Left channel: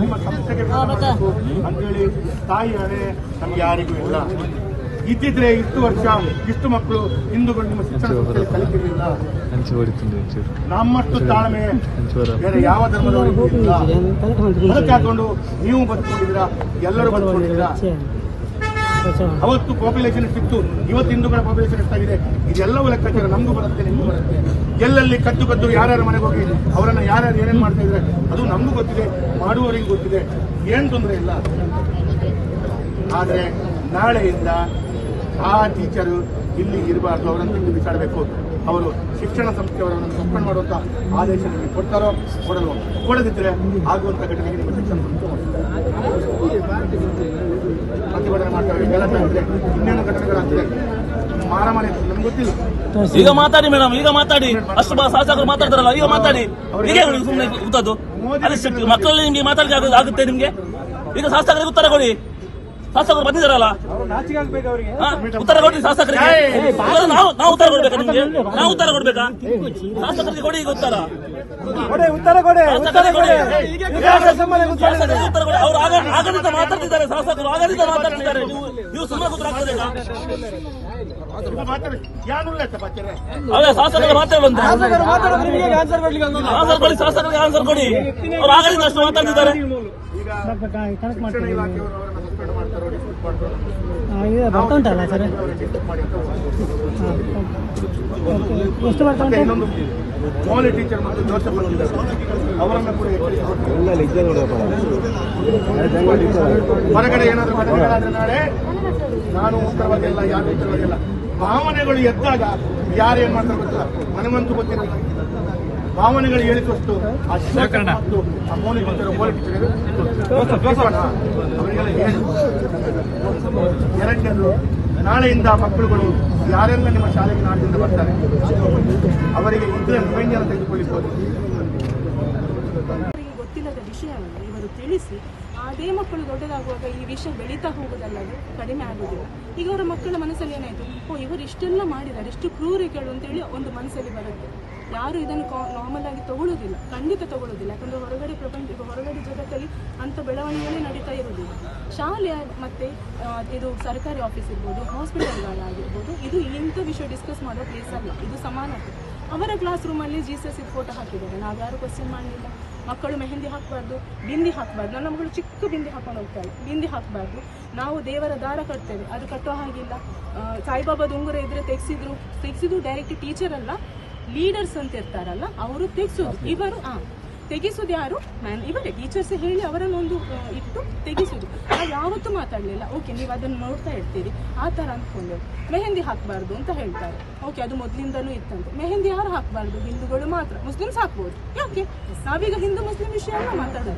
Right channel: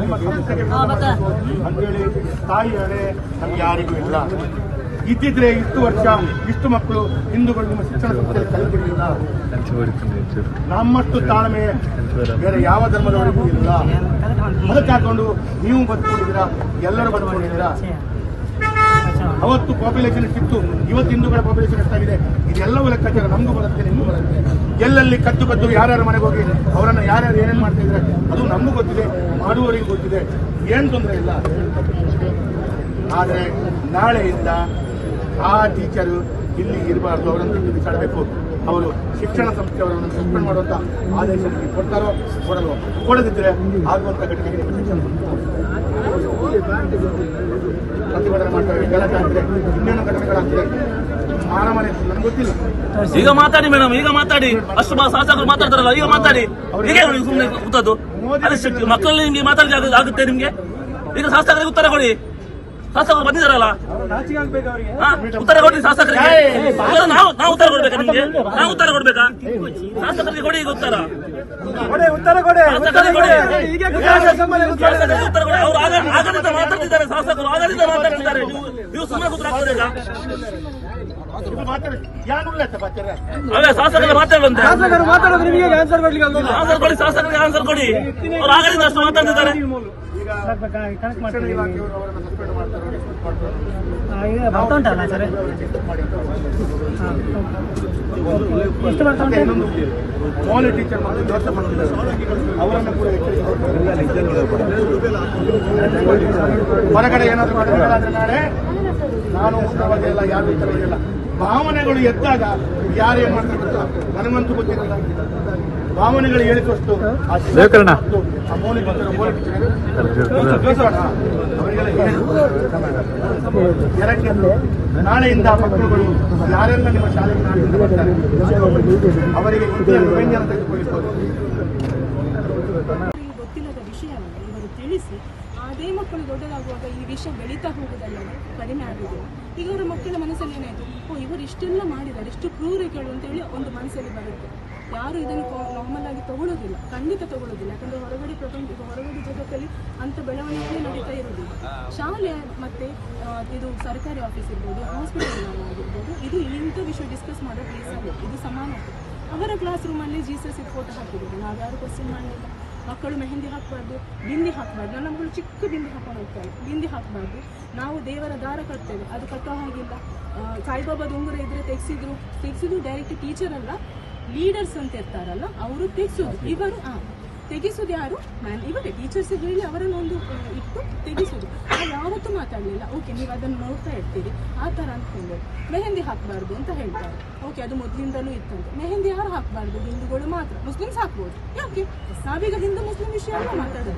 ನಿಮ್ಮ ಸಂಸ್ಥೆಗೆ ಅಂತೇಳಿ ತಾಯಿ ಹಣೆ ನಮ್ಗೆ ಯಾರಿಗೂ ಇಲ್ಲ. ಇದ್ದಿದ್ರೆ ಇಷ್ಟು ವರ್ಷ ಇಷ್ಟು ಮಕ್ಕಳು ಹಿಂದೂಗಳು ನಿಮ್ಮ ಶಿಕ್ಷಣ ಸಂಸ್ಥೆಯಲ್ಲಿ ಕಲಿತಿರಲಿಲ್ಲ. ನಮ್ಮಷ್ಟು ತಾಳ್ಮೆ ಬೇರೆ ಯಾವ ಧರ್ಮದವರಿಗೂ ಇಲ್ಲ. ಅದಕ್ಕೆ ಹಾಕೊಂಡು ನೀವು ಬದುಕೊಂಡಿದ್ದೀರಾ, ಎಲ್ಲರೂ ಬದುಕೊಂಡಿದ್ದೀರಾ. ಅವತ್ತು ಪಾಪ್ಯುಲೇಷನ್ ಎಷ್ಟಿತ್ತು, ಇವತ್ತು ಹಿಂದೂಗಳ ಪಾಪ್ಯುಲೇಷನ್ ಎಷ್ಟಾಗಿದೆ, ಇದೆಲ್ಲವೂ ಲೆಕ್ಕಾಚಾರ ನಮಗೂ ಬರುತ್ತೆ, ನಿಮಗೂ ಬರುತ್ತೆ. ಎಲ್ಲೆಲ್ಲಿ ಕದ್ದು ಯಾರ್ಯಾರ ಮನೆಗೆ ಹೋಗಿ ಅವರನ್ನ ಯಾರ್ಯಾರು ಏನೇನು ಮಾಡ್ತಾ ಇದ್ರೆ ಅದು ನಮಗೂ ಗೊತ್ತಿದೆ, ಮಾಡುವವರಿಗೆ ಗೊತ್ತಿದೆ, ಏನ್ ತೊಂದರೆ ಇಲ್ಲ. ಆದರೆ ನಾಳೆಯಿಂದ ಆ ಟೀಚರು ಇಲ್ಲಿ ಇರಬಾರ್ದು, ಅವರನ್ನು ಬಿಟ್ಟು ಬಿಸಾಡಬೇಕು. ಅವರು ಶಿಕ್ಷಣ ಸಂಸ್ಥೆಯವರನ್ನು ಸಸ್ಪೆಂಡ್ ಮಾಡುವಂತ ಆದೇಶ ನಿಮಗೆ ಕೊಡ್ತಾರೋ ಕೊಡಲ್ವೋ, ಕೊಡದಿದ್ರೆ ಆಗುವಂತ ಘಟನೆಗೆ ನೀವು ಶಿಕ್ಷಣ ಪ್ರತಿಭಟನೆ ಮಾಡ್ತಾರೆ, ಗಲಾಟೆ ಆಗ್ತದೆ, ಇನ್ನೇನು ಘಟನೆಗಳಾಗ್ತದೆ, ಮಾರಾಮಾರಿ ನನಗೆ ಗೊತ್ತಿಲ್ಲ. ಈಗ ಮಾತಾಡಿ ಮೇಡಮ್, ಈಗ ಮಾತಾಡಿ. ಅಷ್ಟು ಶಾಸಕರು ಮಾತಾಡ್ತಾರಲ್ಲ, ಈಗ ಮಾತಾಡಿ. ಮಕ್ಕಳಲ್ಲಿ ನಿಮ್ಗೆ ಮಾತಾಡಿ ಆಗುತ್ತೆ ನಿಮ್ಗೆ. ಈಗ ಶಾಸಕರಿಗೆ ಉತ್ತರ ಕೊಡಿ. ಶಾಸಕರು ಬಂದಿದ್ದಾರಲ್ಲ, ಉತ್ತರ ಕೊಡಿ ಶಾಸಕರಿಗೆ. ನಾವು ಉತ್ತರ ಕೊಡ್ಬೇಕಾ ನಿಮ್ಗೆ? ನಾವು ಉತ್ತರ ಕೊಡ್ಬೇಕಾ? ಶಾಸಕರಿಗೆ ಕೊಡಿ ಈಗ ಉತ್ತರ. ಉತ್ತರ ಕೊಡಿ. ಅವ್ರು ಆಡಳಿತ ಮಾತಾಡ್ತಿದ್ದಾರೆ, ಶಾಸಕರು ಆಡಳಿತ ಮಾತಾಡ್ತಿದ್ದಾರೆ. ನೀವು ಸುಮ್ಮನೆ ಕೂತ್ಕೊಳ್ಬೇಕಾ? ಶಾಸಕರು ಮಾತಾಡಂತೆ ಆನ್ಸರ್ ಕೊಡಿ. ಶಾಸಕರಿಗೆ ಆನ್ಸರ್ ಕೊಡಿ. ಅವ್ರು ಆಗಲಿಂದ ಅಷ್ಟು ಮಾತಾಡ್ತಿದ್ದಾರೆ. ಇನ್ನೊಂದು ಮೌಲ್ಯ ಟೀಚರ್ ಮತ್ತು ಜೋಸೆಫ್ ಅಂತಿದ್ದಾರೆ, ಅವರನ್ನು ಕೂಡ ಹೊರಗಡೆ ಏನಾದರೂ ಘಟನೆಗಳಾದ್ರೆ ನಾಳೆ ನಾನು ಉತ್ತರವಾಗಿಲ್ಲ, ಯಾರು ಉತ್ತರವಾಗಿಲ್ಲ. ಭಾವನೆಗಳು ಎದ್ದಾಗ ಯಾರೇನ್ ಮಾಡ್ತಾರೆ ಗೊತ್ತಿಲ್ಲ, ನನಗಂತೂ ಗೊತ್ತಿರಲ್ಲ. ಭಾವನೆಗಳು ಹೇಳಿದಷ್ಟು ಆ ಮೌಲ್ಯ ಟೀಚರ್ ಅವರಿಗೆಲ್ಲ ಹೇಳಿ. ಎರಡನೇದು, ನಾಳೆಯಿಂದ ಮಕ್ಕಳುಗಳು ಯಾರೆಲ್ಲ ನಿಮ್ಮ ಶಾಲೆಗೆ ನಾಡಿನಿಂದ ಬರ್ತಾರೆ ಅವರಿಗೆ ಇದೇ ವ್ಯಂಜನ ತೆಗೆದುಕೊಳ್ಳಿರ್ಬೋದು. ಗೊತ್ತಿಲ್ಲದ ವಿಷಯವನ್ನು ಇವರು ತಿಳಿಸಿ ಅದೇ ಮಕ್ಕಳು ದೊಡ್ಡದಾಗುವಾಗ ಈ ವಿಷಯ ಬೆಳೀತಾ ಹೋಗುವುದಲ್ಲದೆ ಕಡಿಮೆ ಆಗುವುದಿಲ್ಲ. ಈಗ ಅವರ ಮಕ್ಕಳ ಮನಸ್ಸಲ್ಲಿ ಏನಾಯಿತು, ಇವರು ಇಷ್ಟೆಲ್ಲ ಮಾಡಿದ್ದಾರೆ, ಇಷ್ಟು ಕ್ರೂರಿಗಳು ಅಂತೇಳಿ ಒಂದು ಮನಸ್ಸಲ್ಲಿ ಬರುತ್ತೆ. ಯಾರು ಇದನ್ನು ನಾರ್ಮಲ್ ಆಗಿ ತಗೊಳ್ಳೋದಿಲ್ಲ, ಖಂಡಿತ ತಗೊಳ್ಳೋದಿಲ್ಲ. ಯಾಕಂದ್ರೆ ಹೊರಗಡೆ ಹೊರಗಡೆ ಜಗತ್ತಲ್ಲಿ ಅಂತ ಬೆಳವಣಿಗೆಯೇ ನಡೀತಾ ಇರೋದಿಲ್ಲ. ಶಾಲೆ ಮತ್ತೆ ಇದು ಸರ್ಕಾರಿ ಆಫೀಸ್ ಇರ್ಬೋದು, ಹಾಸ್ಪಿಟಲ್ಗಳಾಗಿರ್ಬೋದು, ಇದು ಇಂಥ ವಿಷಯ ಡಿಸ್ಕಸ್ ಮಾಡೋ ಪ್ಲೇಸ್ ಅಲ್ಲ. ಇದು ಸಮಾನತೆ. ಅವರ ಕ್ಲಾಸ್ ರೂಮಲ್ಲಿ ಜೀಸಸ್ ಫೋಟೋ ಹಾಕಿದ್ದಾರೆ, ನಾವು ಯಾರು ಕ್ವಶನ್ ಮಾಡಲಿಲ್ಲ. ಮಕ್ಕಳು ಮೆಹಂದಿ ಹಾಕಬಾರ್ದು, ಬಿಂದಿ ಹಾಕಬಾರ್ದು. ನನ್ನ ಮಗಳು ಚಿಕ್ಕ ಬಿಂದಿ ಹಾಕೊಂಡು ಹೋಗ್ತಾರೆ, ಬಿಂದಿ ಹಾಕಬಾರ್ದು. ನಾವು ದೇವರ ದಾರ ಕಟ್ತೇವೆ, ಅದು ಕಟ್ಟೋ ಹಾಗಿಲ್ಲ. ಸಾಯಿಬಾಬಾದ ಉಂಗುರ ಇದ್ರೆ ತೆಗೆಸಿದ್ರು ಡೈರೆಕ್ಟ್ ಟೀಚರ್ ಅಲ್ಲ, ಲೀಡರ್ಸ್ ಅಂತ ಇರ್ತಾರಲ್ಲ ಅವರು ತೆಗೆಸೋದು. ಇವರು ತೆಗಿಸೋದು ಯಾರು? ಇವರೇ ಟೀಚರ್ಸ್ ಹೇಳಿ ಅವರನ್ನೊಂದು ಇಟ್ಟು ತೆಗಿಸೋದು. ನಾವು ಯಾವತ್ತೂ ಮಾತಾಡಲಿಲ್ಲ. ಓಕೆ, ನೀವು ಅದನ್ನು ನೋಡ್ತಾ ಇರ್ತೀರಿ ಆ ಥರ ಅಂದ್ಕೊಂಡು ಮೆಹಂದಿ ಹಾಕಬಾರ್ದು ಅಂತ ಹೇಳ್ತಾರೆ. ಓಕೆ, ಅದು ಮೊದಲಿಂದಲೂ ಇತ್ತಂತೆ. ಮೆಹಂದಿ ಯಾರು ಹಾಕಬಾರ್ದು? ಹಿಂದೂಗಳು ಮಾತ್ರ. ಮುಸ್ಲಿಮ್ಸ್ ಹಾಕ್ಬೋದು. ಯಾಕೆ? ನಾವೀಗ ಹಿಂದೂ ಮುಸ್ಲಿಂ ವಿಷಯ ಮಾತಾಡೋದು.